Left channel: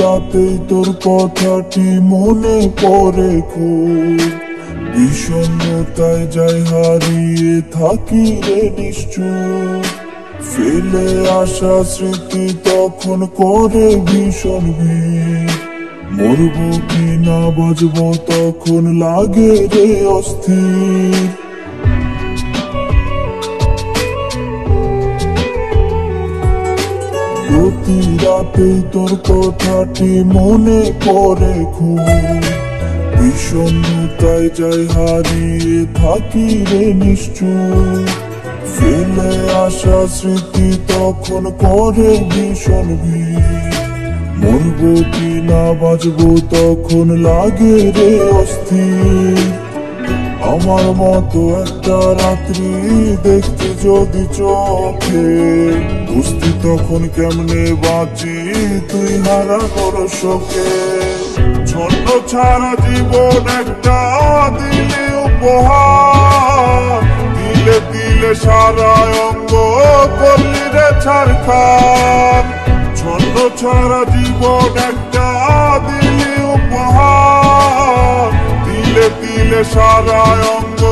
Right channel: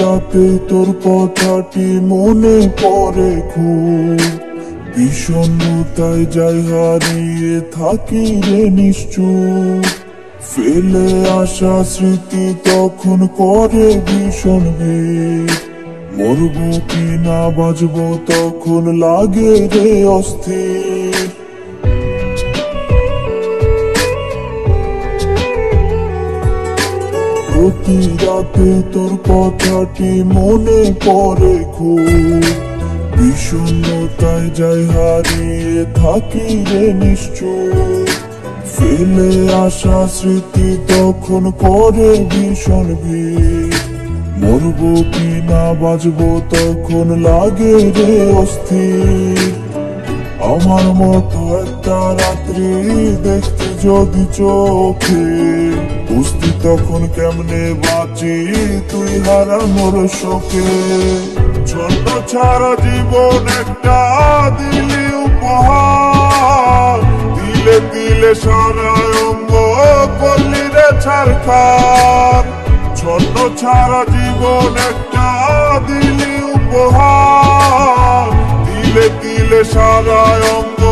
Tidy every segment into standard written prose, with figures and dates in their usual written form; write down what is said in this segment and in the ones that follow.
রাতে তোর কথাটি মনে পড়ে খুব, বিষণ্ণতায় যাই হারিয়ে থাকি রে নিশ্চুপ। ফেলে আসা স্মৃতি তখন করে ভীষণ ভিড়, মরবো কি না বাঁচবো তখন লাগে রে অস্থির। প্রতি রাতে তোর কথাটি মনে পড়ে খুব, বিষণ্ণতায় যাই হারিয়ে থাকি রে নিশ্চুপ। ফেলে আসা স্মৃতি তখন করে ভীষণ ভিড়, মরবো কি না বাঁচবো তখন লাগে রে অস্থির। আমার মতো একটা রাত্রি দেখতে যদি চোখে, বুঝতি তখন কেমনে বাঁচি তুই হারানোর শোকে। ছন্ন ছাড়া জীবন একটা দিলি উপহার, দিলে দিলে সারা অঙ্গ করলি রে ছারখার। ছন্ন ছাড়া জীবন একটা দিলি উপহার, দিলে দিলে সারা অঙ্গ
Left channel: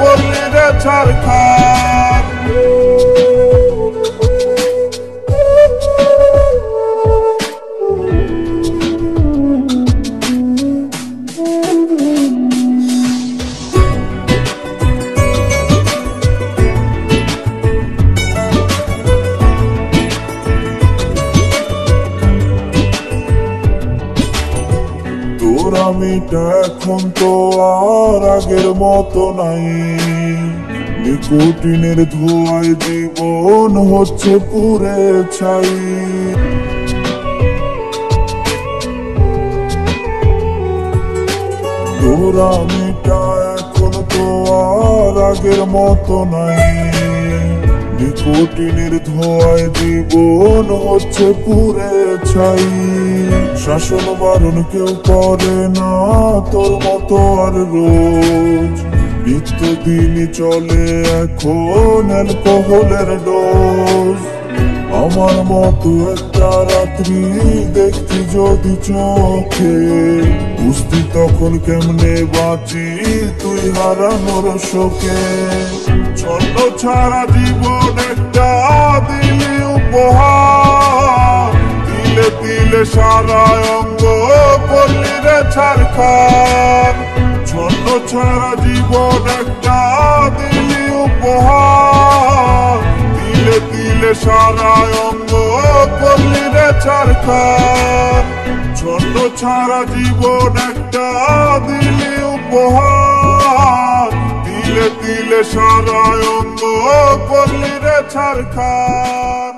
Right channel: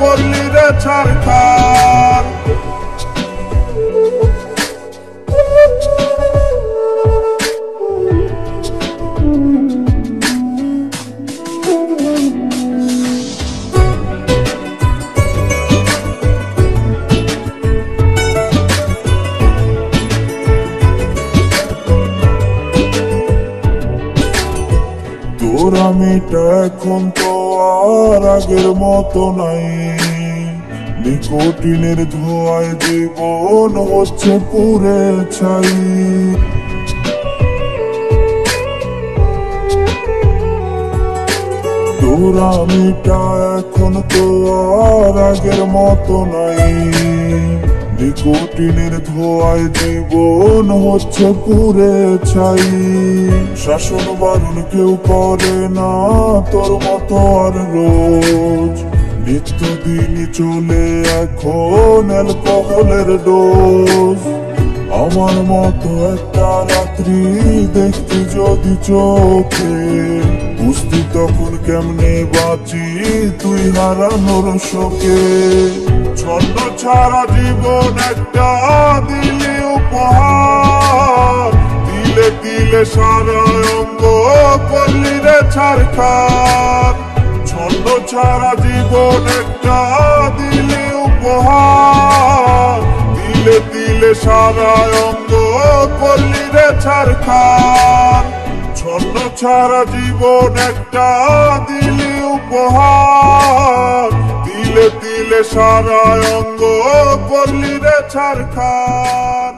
করলি রে ছারখার। তোর আমিটা এখন তো আর আগের মতো নাই, নিকোটিনের ধোঁয়ায় জীবন হচ্ছে পুরে ছাই। তোর আমিটা এখন তো আর আগের মতো নাই, নিকোটিনের ধোঁয়ায় জীবন হচ্ছে পুরে ছাই। শাসন বারণ কেউ করে না তোর মতো আর রোজ, নিত্যদিনই চলে এখন অ্যালকোহলের ডোজ। আমার মতো একটা রাত্রি দেখতি যদি চোখে, বুঝতি তখন কেমনে বাঁচি তুই হারানোর শোকে। ছন্ন ছাড়া জীবন একটা দিলে উপহার, দিলে দিলে সারা অঙ্গ করলি রে ছারখার। ছন্ন ছাড়া জীবন একটা দিলে উপহার, দিলে দিলে সারা অঙ্গ করলি রে ছারখার। ছন্ন ছাড়া জীবন একটা দিলে উপহার, দিলে দিলে সারা অঙ্গ করলি রে ছারখার।